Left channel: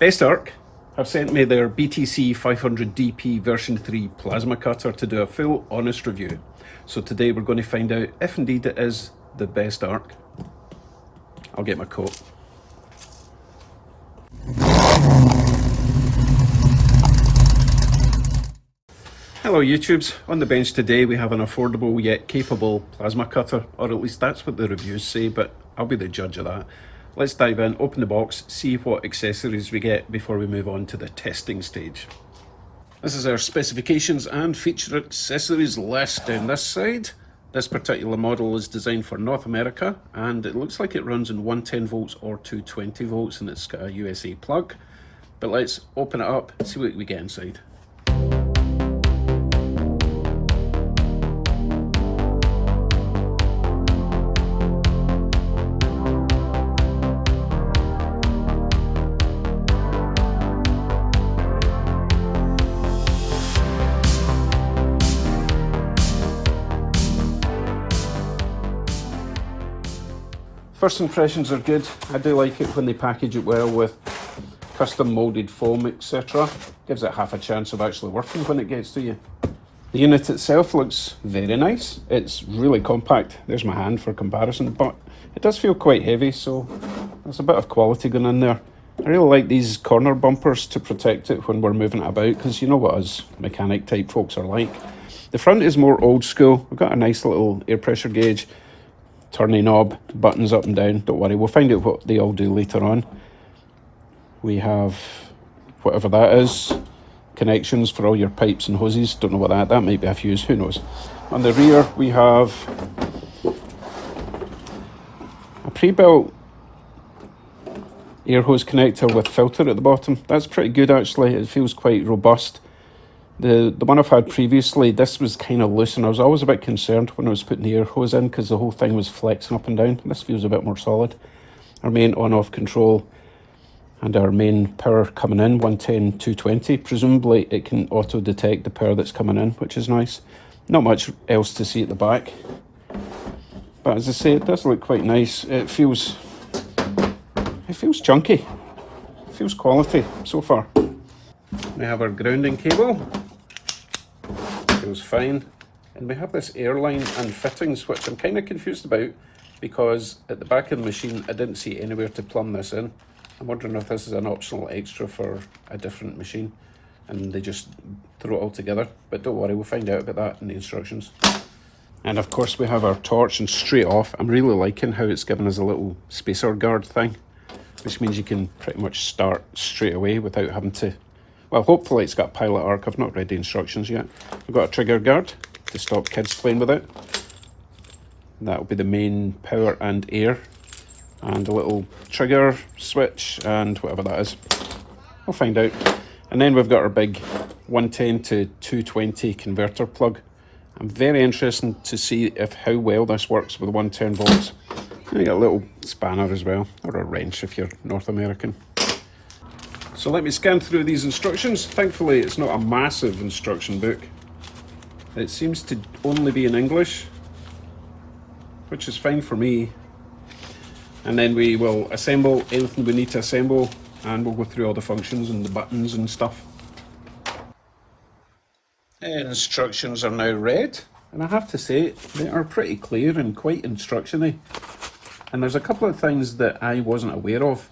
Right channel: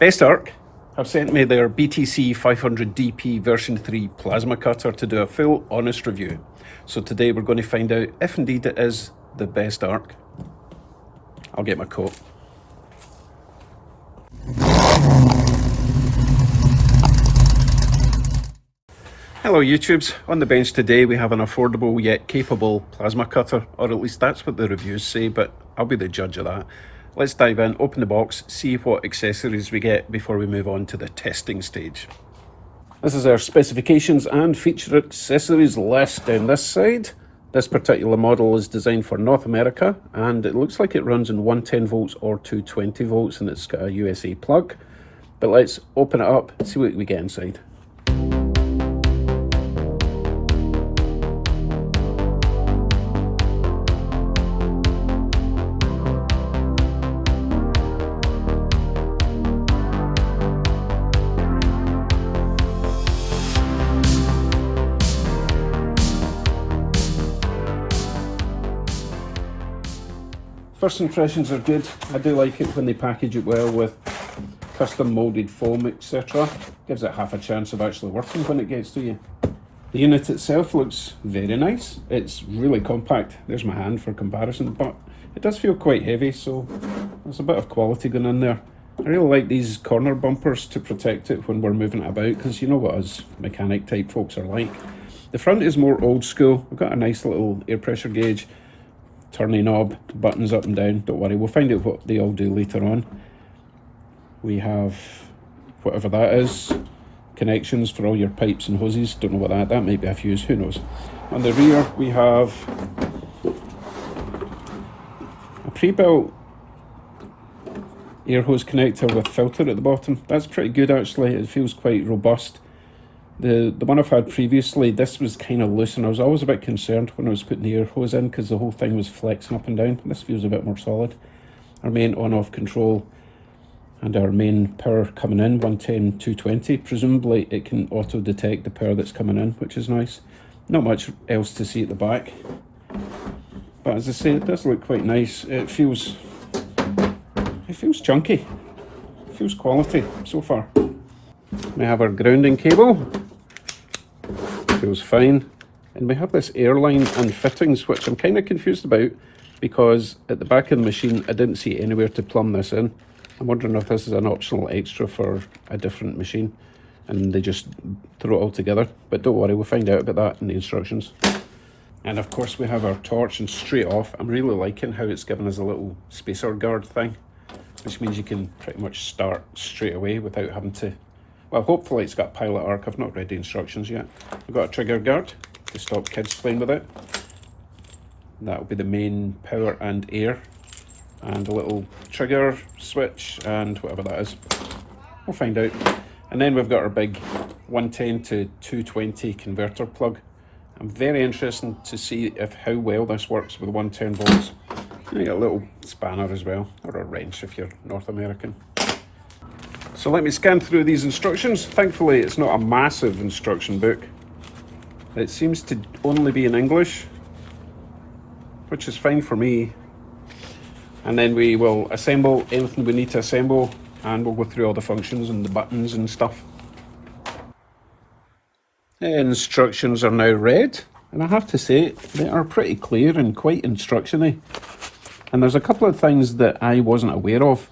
BestArc have sent me their BTC500DP version 3 plasma cutter to do a full honest review. So today we're going to find out if indeed it is the BestArc. I'll get my coat. Hello YouTubes, on the bench today we have an affordable yet capable plasma cutter, or at least that's what the reviews say, but I'll be the judge of that. Let's dive in, open the box, see what accessories we get before we move on to the testing stage. This is our specifications and feature accessories list down this side. This particular model is designed for North America and it looks like it runs in 110 volts or 220 volts and it's got a USA plug. But let's open it up and see what we get inside. First impressions are good. I do like it when they package it well with custom molded foam, etc. Gives it half a chance of actually working when it gets to you. The unit itself looks very nice. It's really compact. There's my hand for comparison, but it does feel quite heavy, so there's a bit of quality going in there. I really like these corner bumpers to protect it when we're moving it about, because you know what us mechanic type folks are like. The front is more old school. We've got a nice little air pressure gauge, turny knob, buttons up and down. Don't worry, we'll find out what they all do later on. We have whatever that is, connections for all your pipes and hoses. Don't know what that might be a fuse, who knows. On the rear we have a pre-built air hose connector with filter at the bottom. That's pretty good actually, it feels quite robust. The one I've had previously, this was kind of loose and I was always a bit concerned when I was putting the air hose in because the whole thing was flexing up and down. This feels a bit more solid. Our main on-off control and our main power coming in, 110, 220. Presumably it can auto-detect the power that's coming in, which is nice. Not much else to see at the back. But as I say, it does look quite nice. It feels chunky. It feels quality so far. We have our grounding cable. Feels fine. And we have this airline and fittings, which I'm kind of confused about because at the back of the machine I didn't see anywhere to plumb this in. I'm wondering if this is an optional extra for a different machine and they just throw it all together. But don't worry, we'll find out about that in the instructions. And of course we have our torch, and straight off I'm really liking how it's given us a little spacer guard thing, which means you can pretty much start straight away without having to. Well, hopefully it's got pilot arc. I've not read the instructions yet. We've got a trigger guard to stop kids playing with it. That will be the main power and air. And a little trigger switch and whatever that is. We'll find out. And then we've got our big 110 to 220 converter plug. I'm very interested to see how well this works with 110 volts. And you got a little spanner as well, or a wrench if you're North American. So let me scan through these instructions. Thankfully it's not a massive instruction book. It seems to only be in English, which is fine for me. And then we will assemble anything we need to assemble and we'll go through all the functions and the buttons and stuff. The instructions are now read, and I have to say they are pretty clear and quite instruction-y. And there's a couple of things that I wasn't aware of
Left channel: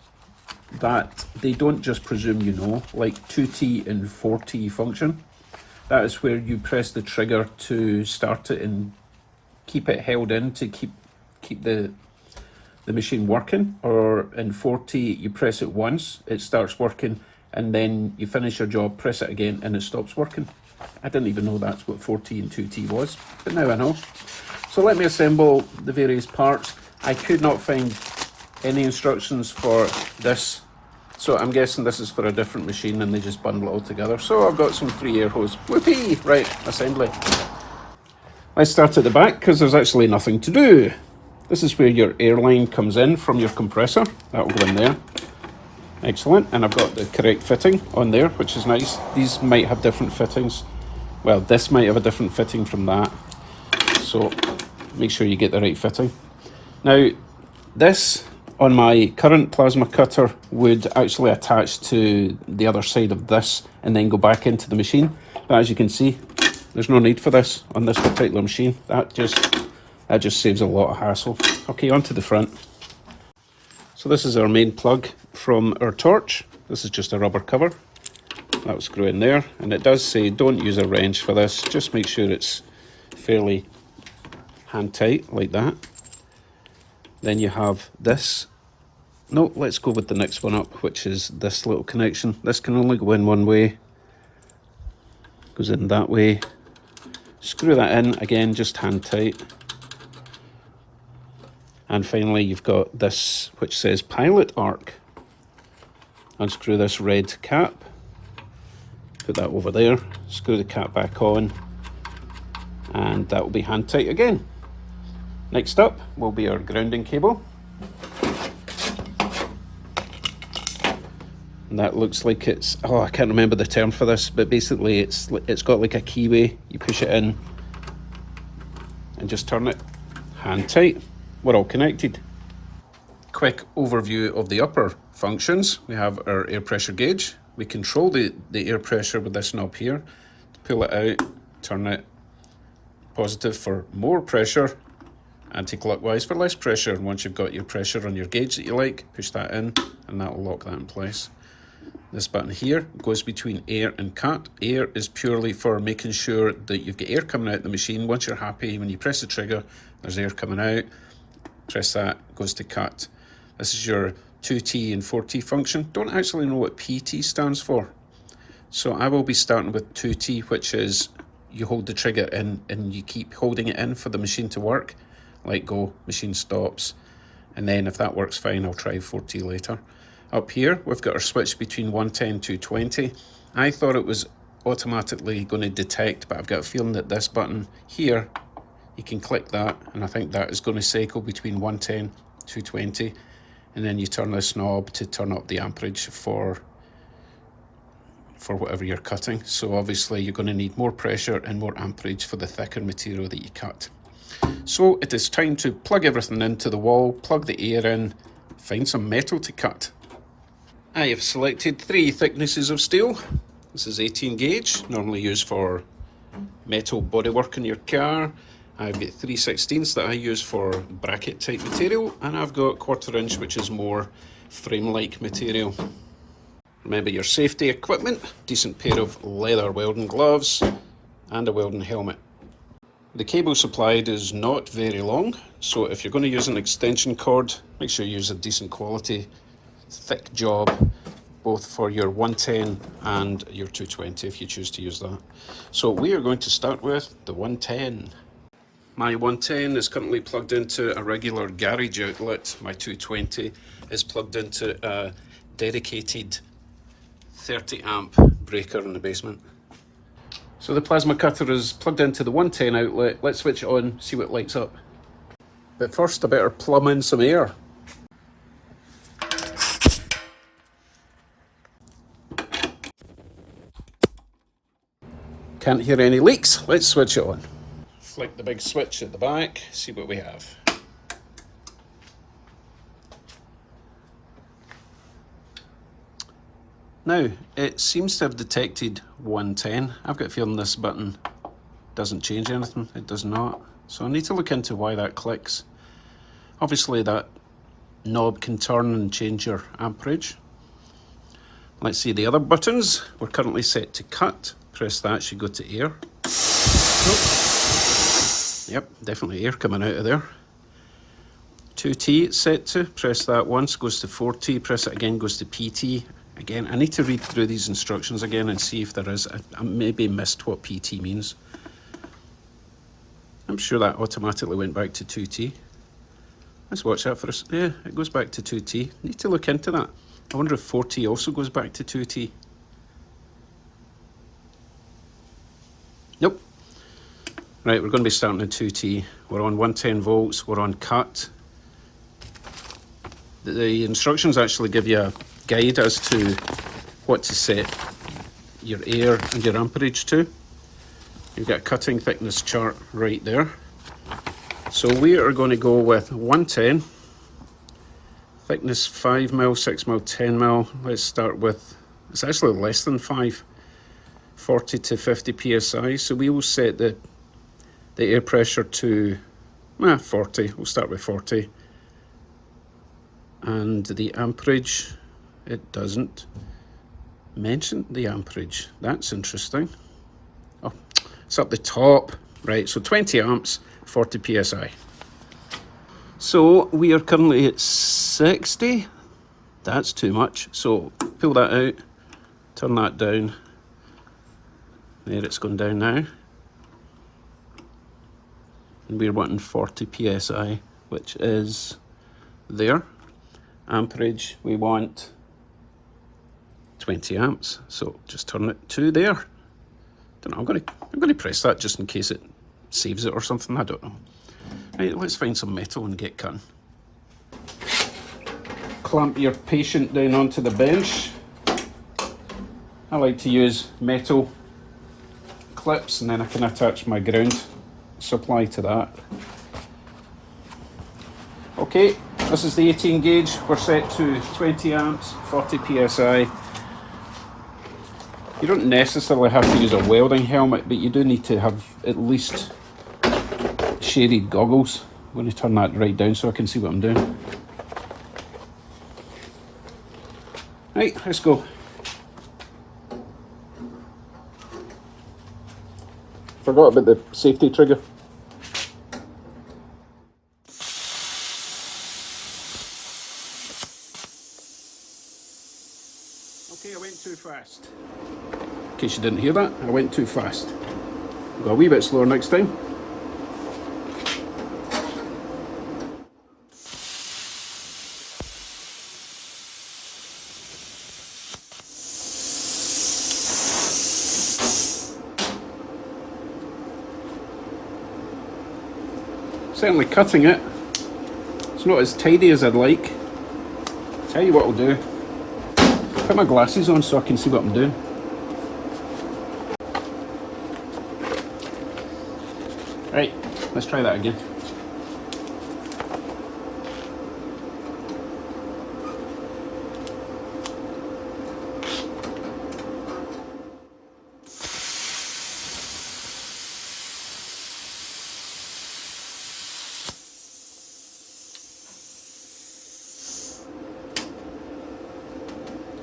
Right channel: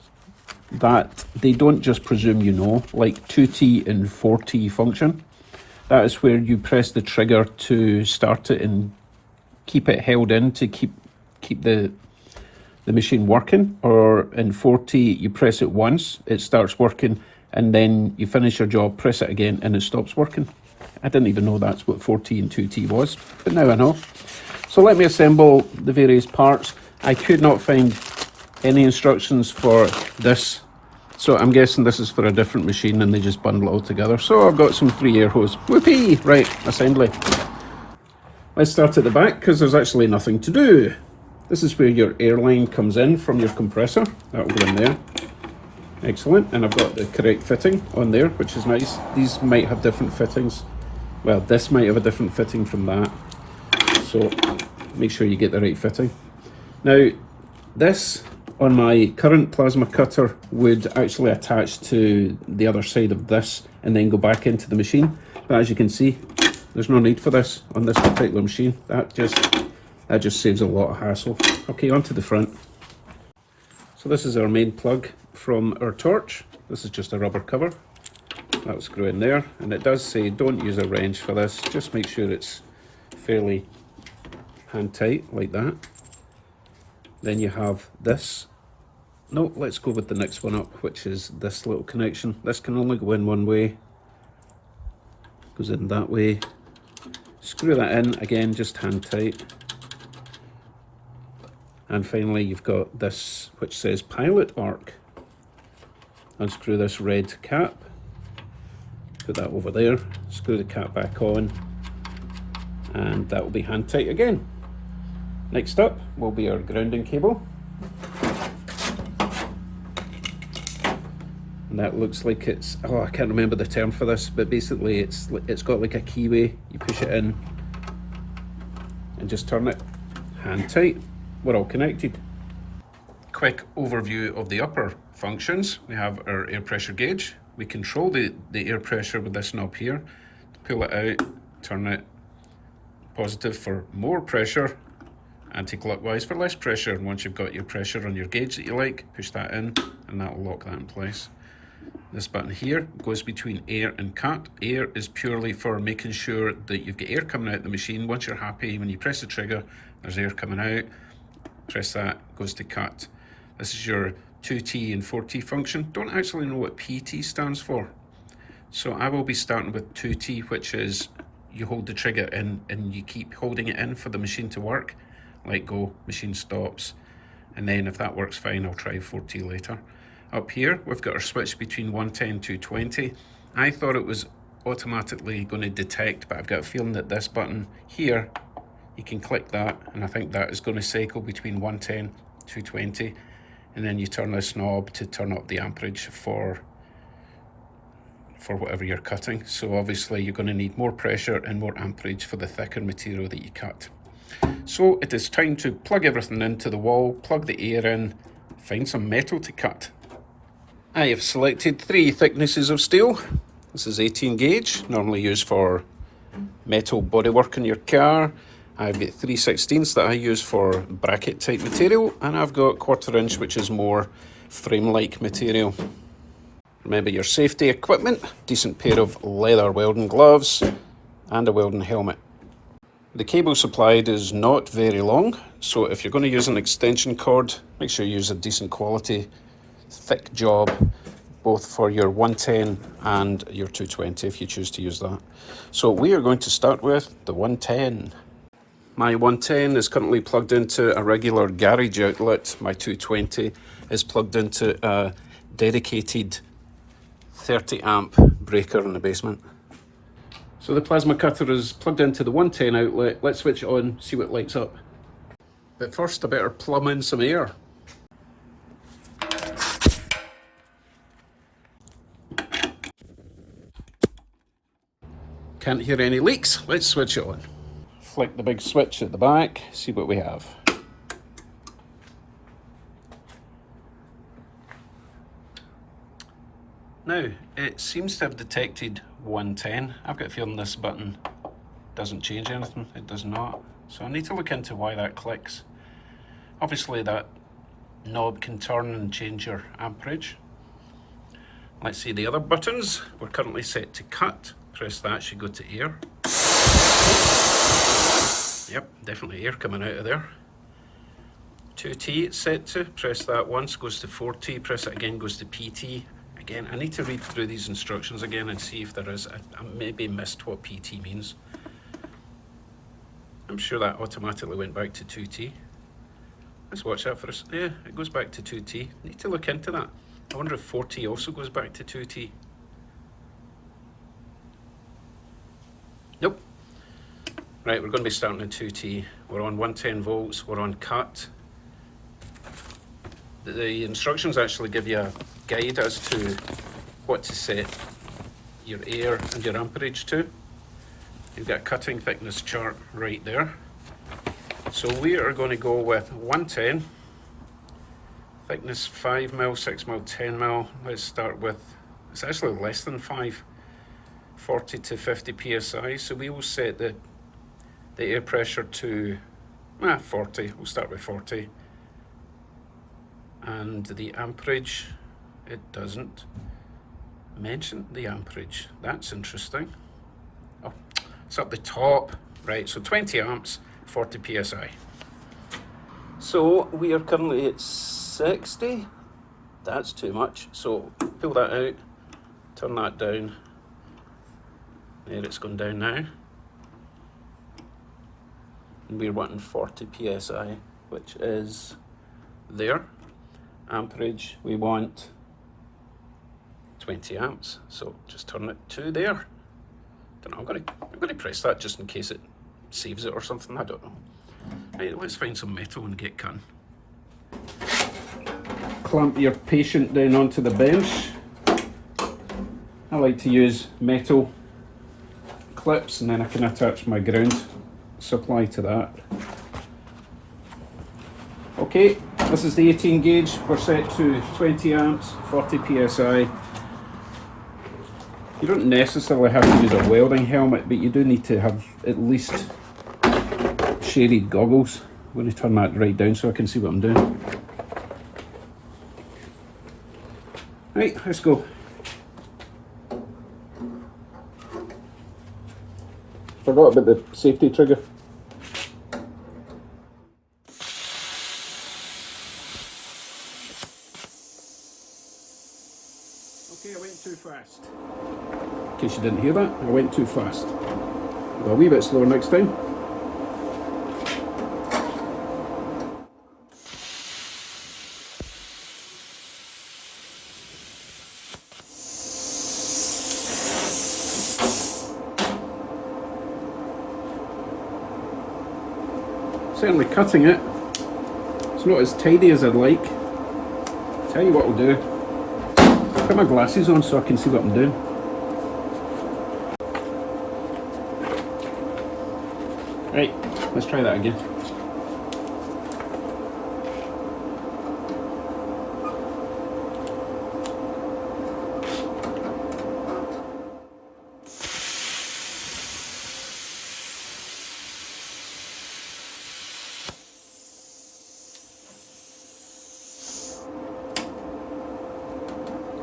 that they don't just presume you know, like 2T and 4T function. That is where you press the trigger to start it and keep it held in to keep the machine working, or in 4T you press it once, it starts working, and then you finish your job, press it again and it stops working. I didn't even know that's what 4T and 2T was, but now I know. So let me assemble the various parts. I could not find any instructions for this, so I'm guessing this is for a different machine and they just bundle it all together. So I've got some 3 air hose. Whoopee! Right, assembly. Let's start at the back because there's actually nothing to do. This is where your air line comes in from your compressor. That will go in there. Excellent, and I've got the correct fitting on there, which is nice. These might have different fittings. Well, this might have a different fitting from that. So make sure you get the right fitting. Now, this on my current plasma cutter would actually attach to the other side of this and then go back into the machine. But as you can see, there's no need for this on this particular machine. That just saves a lot of hassle. Okay, onto the front. So this is our main plug from our torch. This is just a rubber cover. That will screw in there, and it does say don't use a wrench for this. Just make sure it's fairly hand tight like that. Then you have this. No, let's go with the next one up, which is this little connection. This can only go in one way. Goes in that way. Screw that in, again, just hand tight. And finally, you've got this, which says Pilot Arc. Unscrew this red cap. Put that over there. Screw the cap back on. And that will be hand tight again. Next up will be our grounding cable. And that looks like it's, oh, I can't remember the term for this, but basically it's got like a keyway. You push it in and just turn it hand tight. We're all connected. Quick overview of the upper functions. We have our air pressure gauge. We control the air pressure with this knob here. Pull it out, turn it positive for more pressure, anti-clockwise for less pressure. And once you've got your pressure on your gauge that you like, push that in and that will lock that in place. This button here goes between air and cut. Air is purely for making sure that you've got air coming out of the machine. Once you're happy, when you press the trigger, there's air coming out. Press that, goes to cut. This is your 2T and 4T function. Don't actually know what PT stands for. So I will be starting with 2T, which is you hold the trigger in and you keep holding it in for the machine to work. Let go, machine stops. And then if that works fine, I'll try 4T later. Up here, we've got our switch between 110 and 220. I thought it was automatically going to detect, but I've got a feeling that this button here, you can click that, and I think that is going to cycle between 110 and 220. And then you turn this knob to turn up the amperage for whatever you're cutting. So obviously you're going to need more pressure and more amperage for the thicker material that you cut. So it is time to plug everything into the wall, plug the air in, find some metal to cut. I have selected 3 thicknesses of steel. This is 18 gauge, normally used for metal bodywork in your car. I've got 3/16 that I use for bracket type material, and I've got 1/4 inch, which is more frame-like material. Remember your safety equipment, decent pair of leather welding gloves and a welding helmet. The cable supplied is not very long, so if you're going to use an extension cord, make sure you use a decent quality thick job, both for your 110 and your 220 if you choose to use that. So we are going to start with the 110. My 110 is currently plugged into a regular garage outlet. My 220 is plugged into a dedicated 30 amp breaker in the basement. So the plasma cutter is plugged into the 110 outlet. Let's switch it on, see what lights up. But first I better plumb in some air. Can't hear any leaks. Let's switch it on. Flick the big switch at the back, see what we have. Now, it seems to have detected 110. I've got a feeling this button doesn't change anything. It does not. So I need to look into why that clicks. Obviously that knob can turn and change your amperage. Let's see the other buttons. We're currently set to cut. Press that, should go to air. Yep, definitely air coming out of there. 2T it's set to. Press that once, goes to 4T. Press it again, goes to PT. Again, I need to read through these instructions again and see if there is. I maybe missed what PT means. I'm sure that automatically went back to 2T. Let's watch that for us. Yeah, it goes back to 2T. Need to look into that. I wonder if 4T also goes back to 2T. Nope. Right, we're going to be starting at 2T. We're on 110 volts, we're on cut. The instructions actually give you a guide as to what to set your air and your amperage to. You've got a cutting thickness chart right there. So we are going to go with 110, Thickness 5mm, 6mm, 10mm. Let's start with, it's actually less than 5, 40 to 50 psi. So we will set the air pressure to 40. We'll start with 40. And the amperage, it doesn't mention the amperage. That's interesting. Oh, it's up the top. Right, so 20 amps, 40 psi. So we are currently at 60. That's too much. So pull that out, turn that down. There, it's gone down now. And we're wanting 40 psi, which is there. Amperage, we want 20 amps. So just turn it to there. Don't know, I'm gonna press that just in case it saves it or something. I don't know. Right, let's find some metal and get cutting. Clamp your patient down onto the bench. I like to use metal clips and then I can attach my ground supply to that. Okay, this is the 18 gauge. We're set to 20 amps, 40 psi. You don't necessarily have to use a welding helmet, but you do need to have at least shaded goggles. I'm going to turn that right down so I can see what I'm doing. Right, let's go. Forgot about the safety trigger. Okay, I went too fast. In case you didn't hear that, I went too fast. Go a wee bit slower next time. Certainly cutting it. It's not as tidy as I'd like. Tell you what I'll do. Put my glasses on so I can see what I'm doing. Right, let's try that again.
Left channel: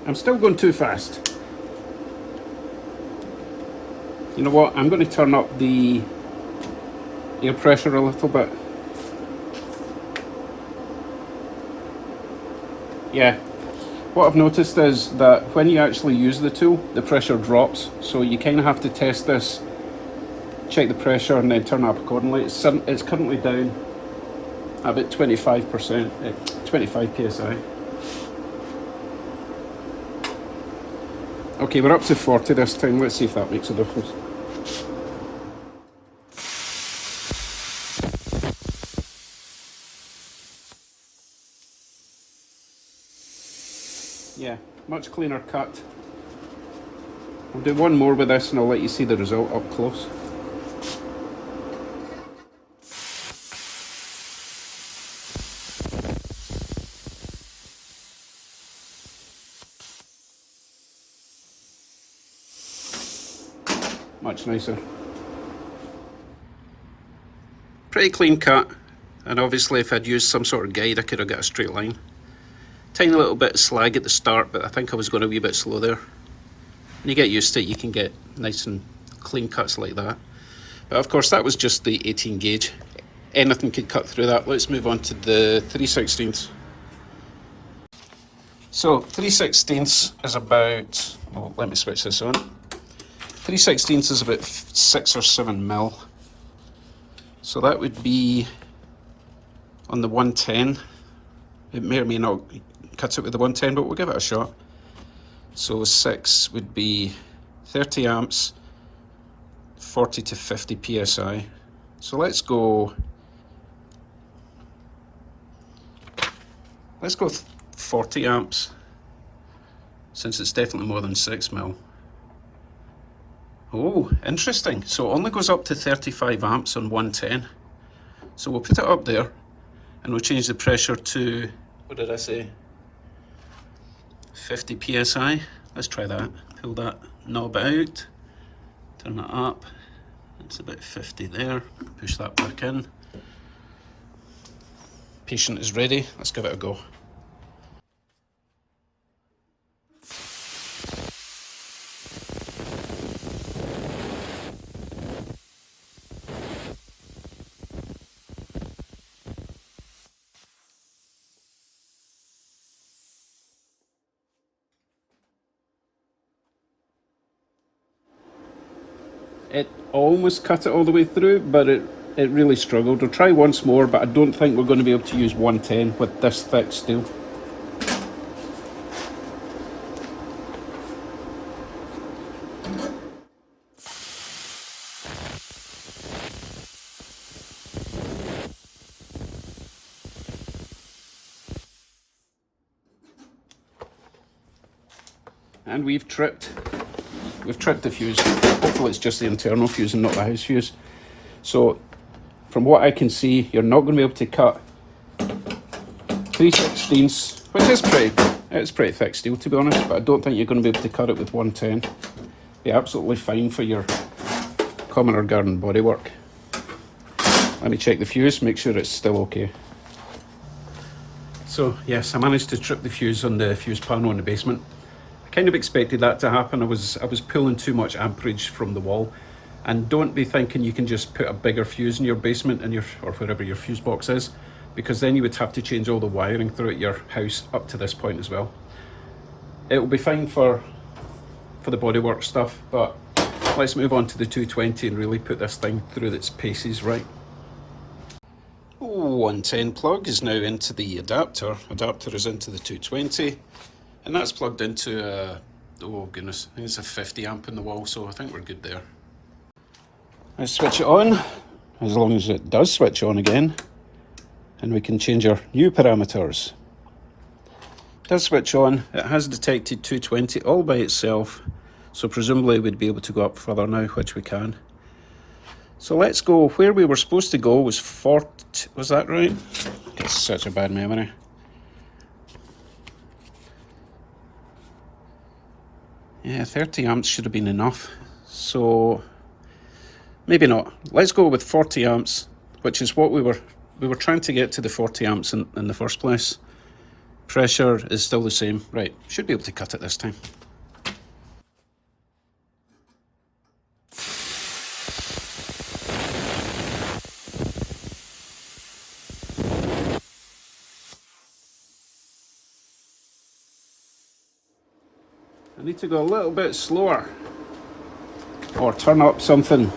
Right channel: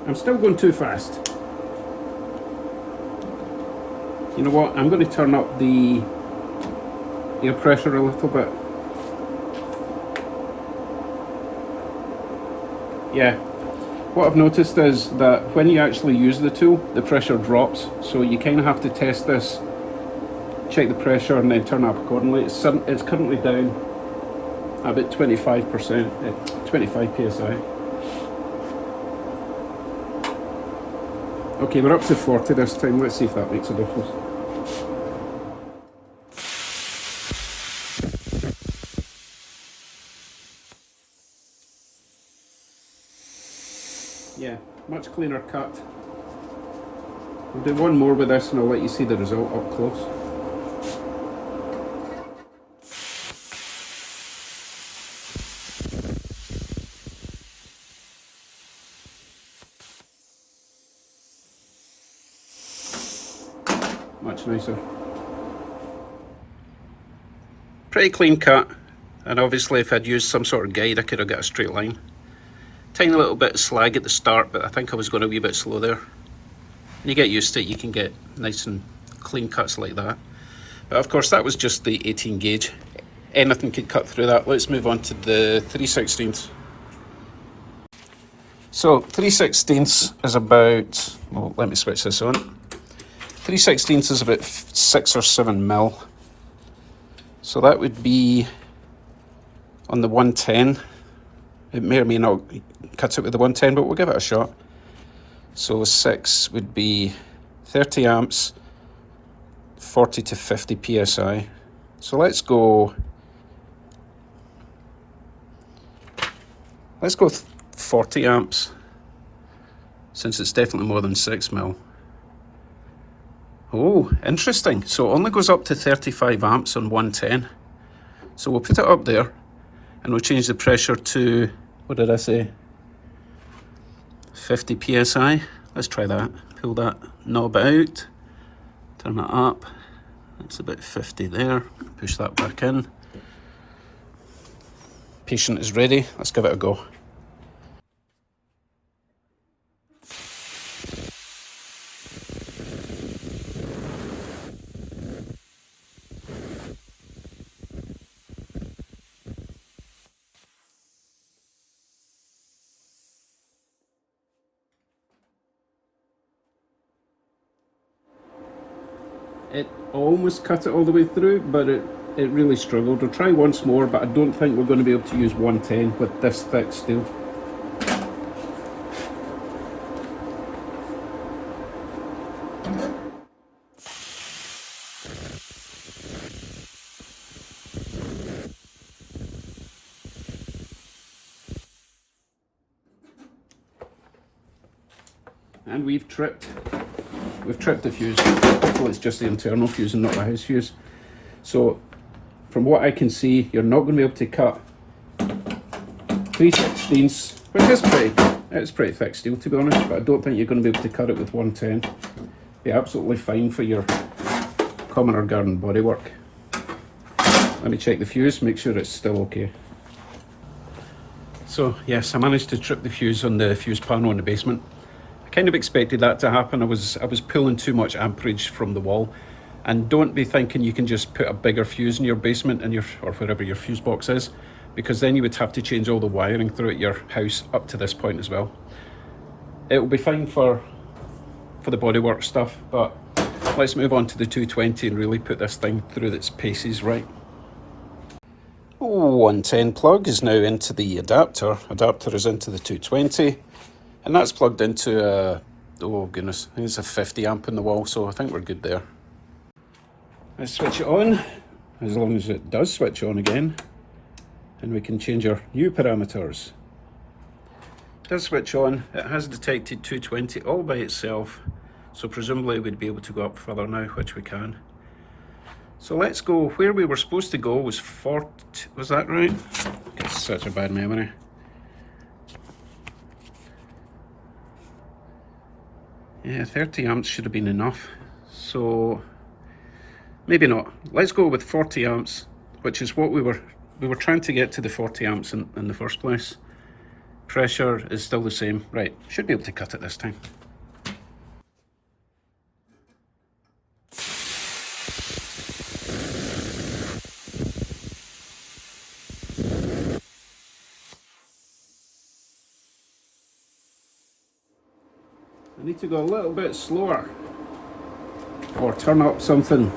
I'm still going too fast. You know what? I'm going to turn up the air pressure a little bit. Yeah. What I've noticed is that when you actually use the tool, the pressure drops. So you kind of have to test this, check the pressure, and then turn up accordingly. It's currently down about 25%, 25 psi. Okay, we're up to 40 this time. Let's see if that makes a difference. Yeah, much cleaner cut. I'll do one more with this and I'll let you see the result up close. Much nicer. Pretty clean cut, and obviously if I'd used some sort of guide I could have got a straight line. Tiny little bit of slag at the start, but I think I was going a wee bit slow there. When you get used to it, you can get nice and clean cuts like that. But of course that was just the 18 gauge. Anything could cut through that. Let's move on to the 3/16. So 3/16 is about, well, let me switch this on. 3/16 is about 6 or 7 mil. So that would be on the 110. It may or may not cut it with the 110, but we'll give it a shot. So 6 would be 30 amps, 40 to 50 psi. So let's go 40 amps, since it's definitely more than 6 mil. Oh, interesting. So it only goes up to 35 amps on 110. So we'll put it up there and we'll change the pressure to what did I say? 50 psi. Let's try that. Pull that knob out, turn it up. That's about 50 there. Push that back in. Patient is ready. Let's give it a go. It almost cut it all the way through, but it really struggled. I'll try once more, but I don't think we're going to be able to use 110 with this thick steel. And we've tripped the fuse. Hopefully it's just the internal fuse and not the house fuse. So from what I can see, you're not going to be able to cut 3/16, which it's pretty thick steel to be honest, but I don't think you're going to be able to cut it with 110. Be absolutely fine for your common or garden bodywork. Let me check the fuse, make sure it's still okay. So yes, I managed to trip the fuse on the fuse panel in the basement. I kind of expected that to happen. I was pulling too much amperage from the wall. And don't be thinking you can just put a bigger fuse in your basement or wherever your fuse box is, because then you would have to change all the wiring throughout your house up to this point as well. It will be fine for the bodywork stuff, but let's move on to the 220 and really put this thing through its paces right. 110 plug is now into the adapter. Adapter is into the 220. And that's plugged into oh goodness, I think it's a 50 amp in the wall, so I think we're good there. Let's switch it on, as long as it does switch on again. And we can change our new parameters. It does switch on, it has detected 220 all by itself, so presumably we'd be able to go up further now, which we can. So let's go, where we were supposed to go was 40, was that right? It's such a bad memory. Yeah, 30 amps should have been enough, so maybe not. Let's go with 40 amps, which is what we were trying to get to, the 40 amps in the first place. Pressure is still the same. Right, should be able to cut it this time. I need to go a little bit slower, or turn up something.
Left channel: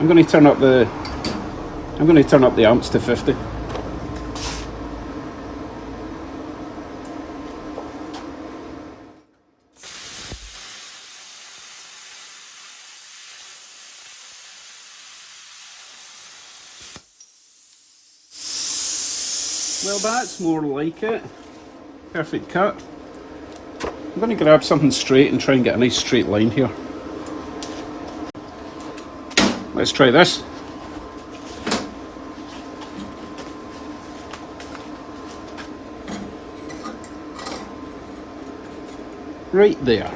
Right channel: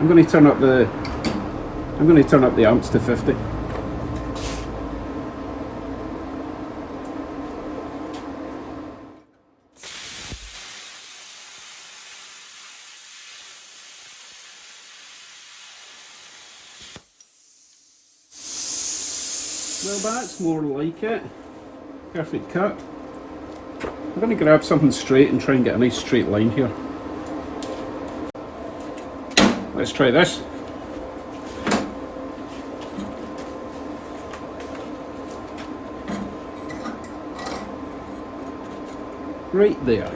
I'm going to turn up the amps to 50. Well, that's more like it. Perfect cut. I'm going to grab something straight and try and get a nice straight line here. Let's try this. Right there.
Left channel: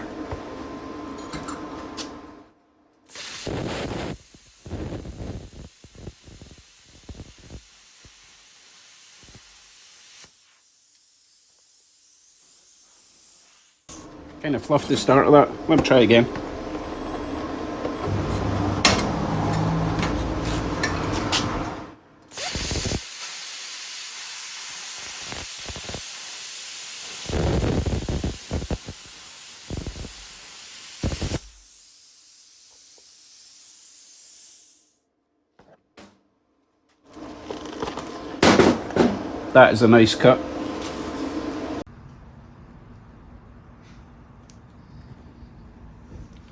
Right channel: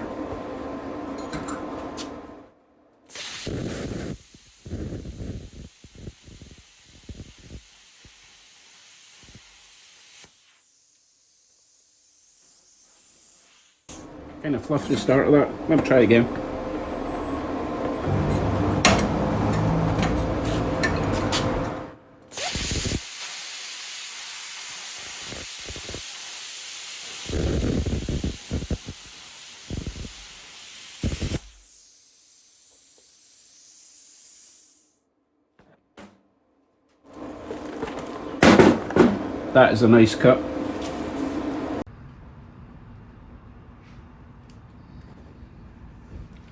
Kind of fluffed the start of that. Let me try again. That is a nice cut.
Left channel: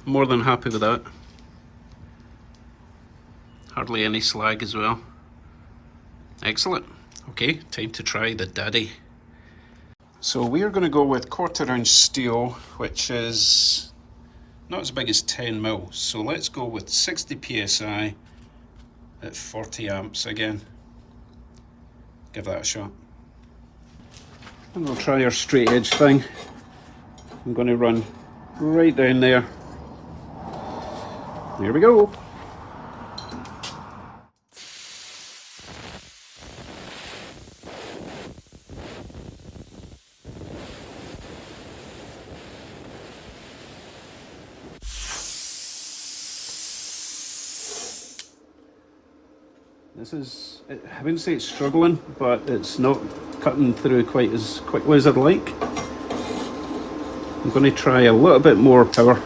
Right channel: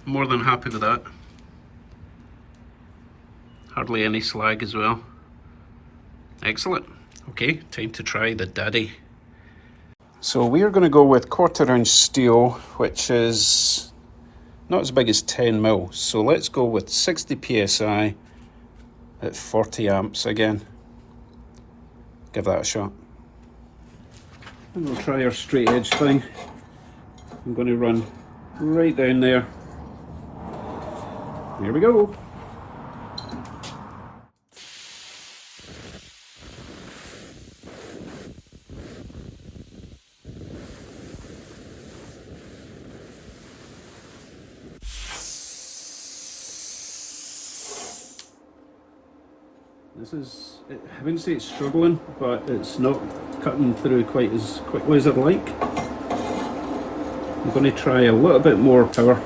More than happy with that. Hardly any slag as well. Excellent. Okay, time to try the daddy. So we are going to go with 1/4 inch steel, which is not as big as 10 mil. So let's go with 60 psi at 40 amps again. Give that a shot. And we'll try our straight edge thing. I'm going to run right down there. Here we go. This is, I wouldn't say it's struggling, but it's not cutting through quite as quickly as I'd like. I'm going to try a little bit more power.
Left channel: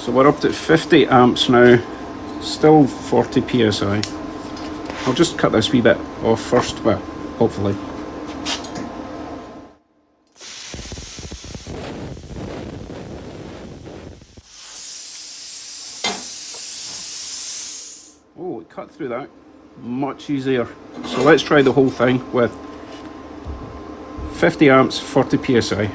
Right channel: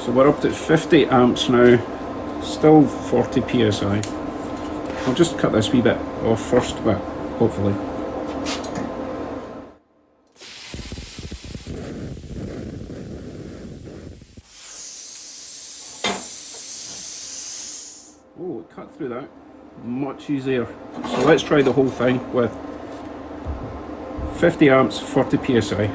So we're up to 50 amps now, still 40 psi. I'll just cut this wee bit off first, but hopefully. Oh, it cut through that much easier. So let's try the whole thing with 50 amps, 40 psi.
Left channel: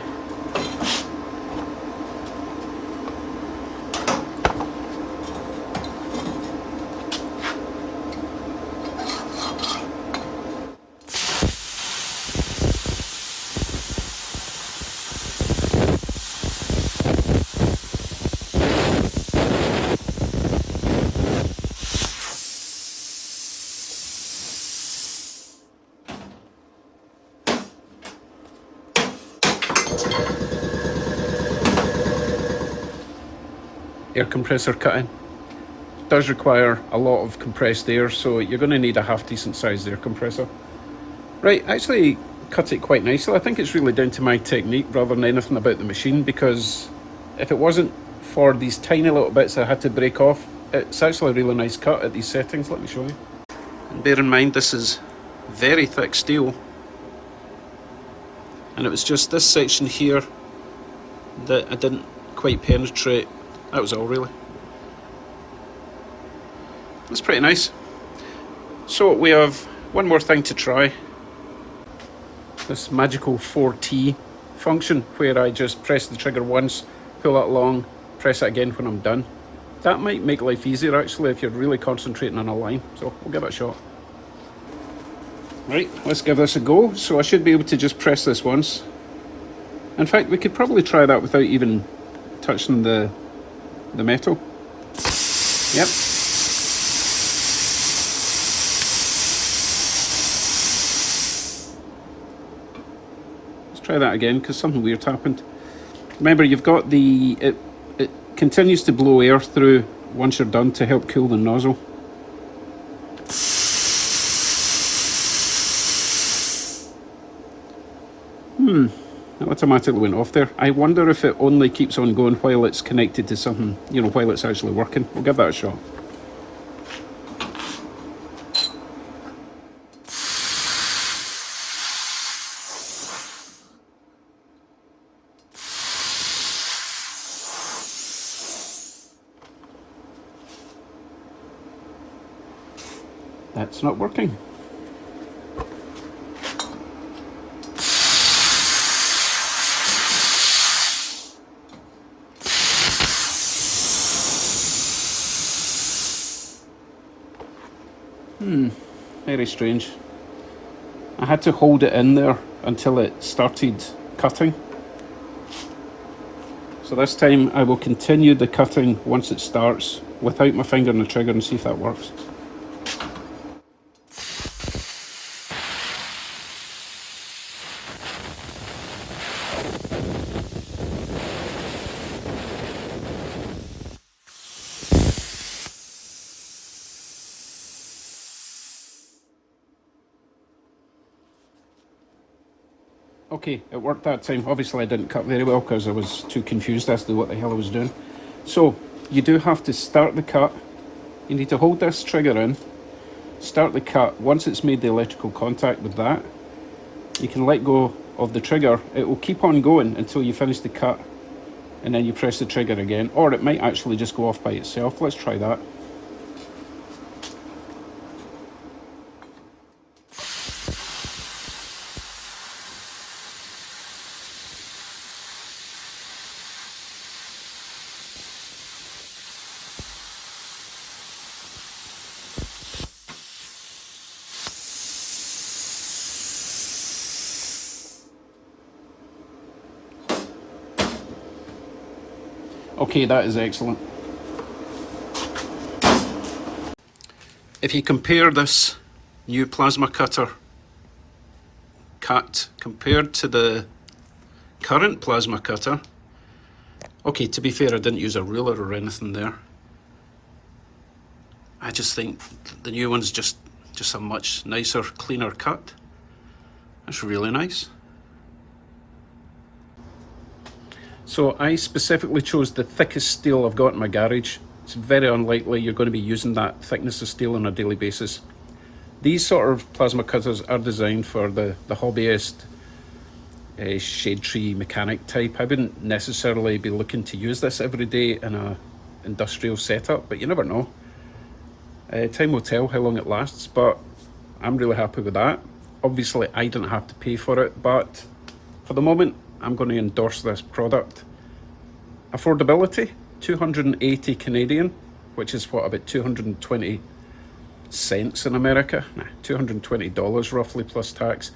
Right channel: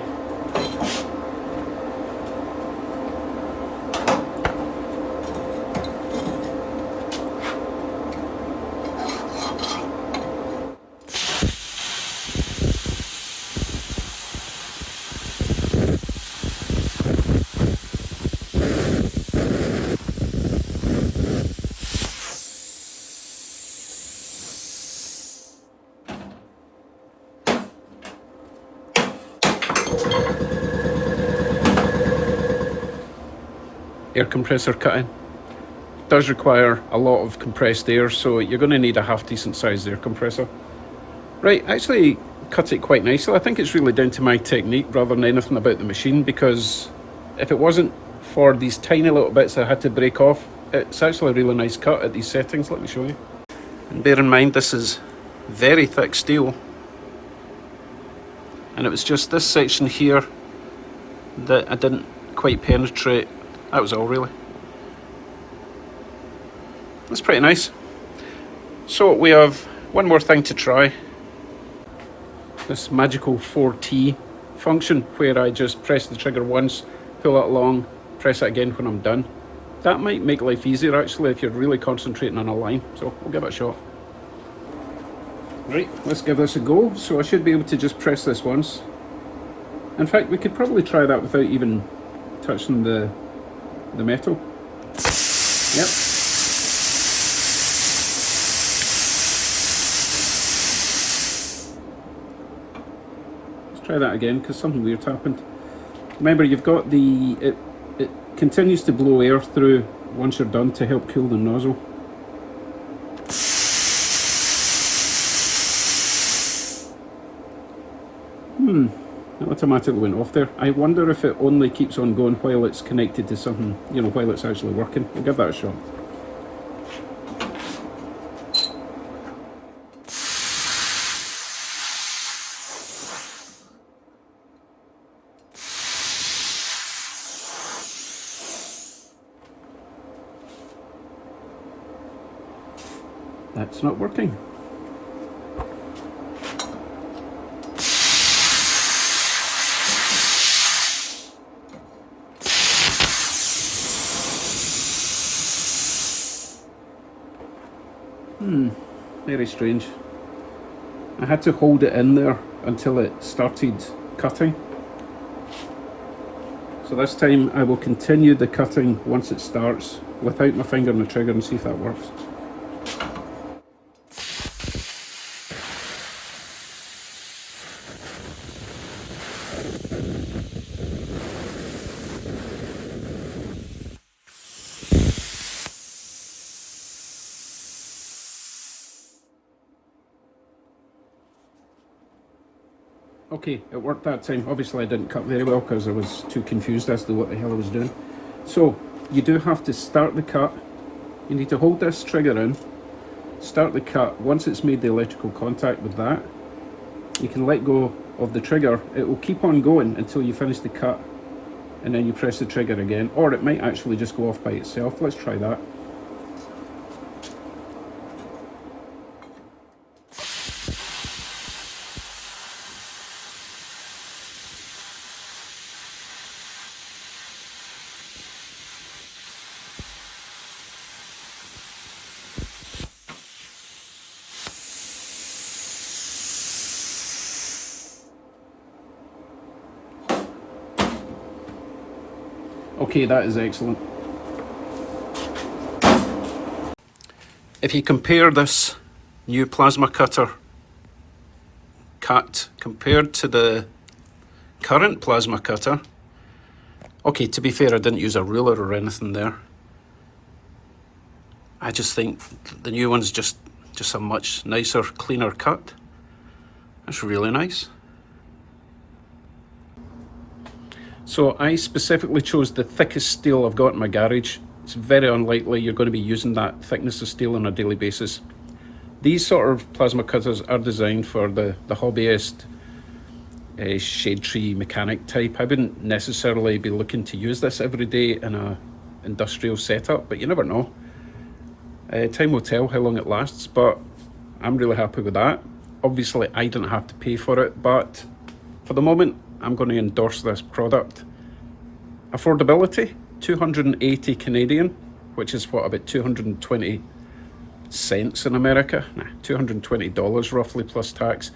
Air compressor cutting does require a lot of compressed air, so you're going to need a half decent sized air compressor. Right, actually cut it quite nicely. I think it's really down to my technique rather than anything about the machine, because if it wasn't for these tiny little bits I had to break off, it's actually a really nice cut at these settings. Let me show you. And bear in mind, this is very thick steel, and it was just this section here that I didn't quite penetrate. That was all, really. That's pretty nice. So we have one more thing to try. This magical 4T function, where I just press the trigger once, pull it along, press it again when I'm done. That might make life easier actually if you're really concentrating on a line. So we'll give it a shot. Right, let's give this a go. So I should be able to just press this once. In fact, we could probably try that without even touching the metal. Yep. Let's try that again, because something weird happened. Remember, you've got it continues to blow air through once you're done to help cool the nozzle. It automatically went off there. I wonder if it only keeps on going while it's connected to something, you know, while it's actually working. We'll give that a shot. That's not working. Very strange. I had to hold it in there until it started cutting. So this time I will continue the cutting once it starts without my finger on the trigger and see if that works. Okay, it worked that time. Obviously I didn't cut very well because I was too confused as to what the hell I was doing. So you do have to start the cut. You need to hold this trigger in, start the cut. Once it's made the electrical contact with that, you can let go of the trigger. It will keep on going until you finish the cut, and then you press the trigger again, or it might actually just go off by itself. Let's try that. Okay, that is excellent. If you compare this new plasma cutter cut compared to the current plasma cutter, okay, to be fair, I didn't use a ruler or anything there. I just think the new one's just a much nicer, cleaner cut. That's really nice. So I specifically chose the thickest steel I've got in my garage. It's very unlikely you're going to be using that thickness of steel on a daily basis. These sort of plasma cutters are designed for the hobbyist, shade tree mechanic type. I wouldn't necessarily be looking to use this every day in a industrial setup, but you never know. Time will tell how long it lasts, but I'm really happy with that. Obviously, I didn't have to pay for it, but for the moment, I'm going to endorse this product. Affordability, 280 Canadian, which is what, about 220 cents in America? Nah, $220 roughly plus tax.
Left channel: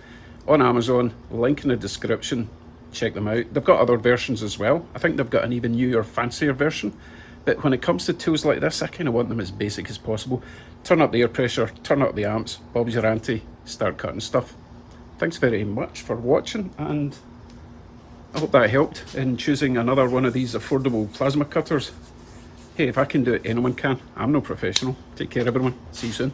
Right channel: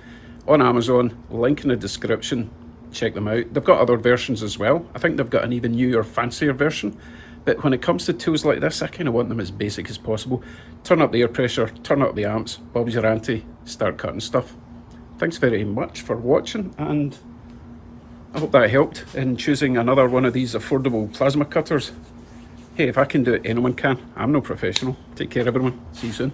On Amazon, link in the description, check them out. They've got other versions as well. I think they've got an even newer, fancier version. But when it comes to tools like this, I kind of want them as basic as possible. Turn up the air pressure, turn up the amps, Bob's your auntie, start cutting stuff. Thanks very much for watching, and I hope that helped in choosing another one of these affordable plasma cutters. Hey, if I can do it, anyone can. I'm no professional. Take care, everyone. See you soon.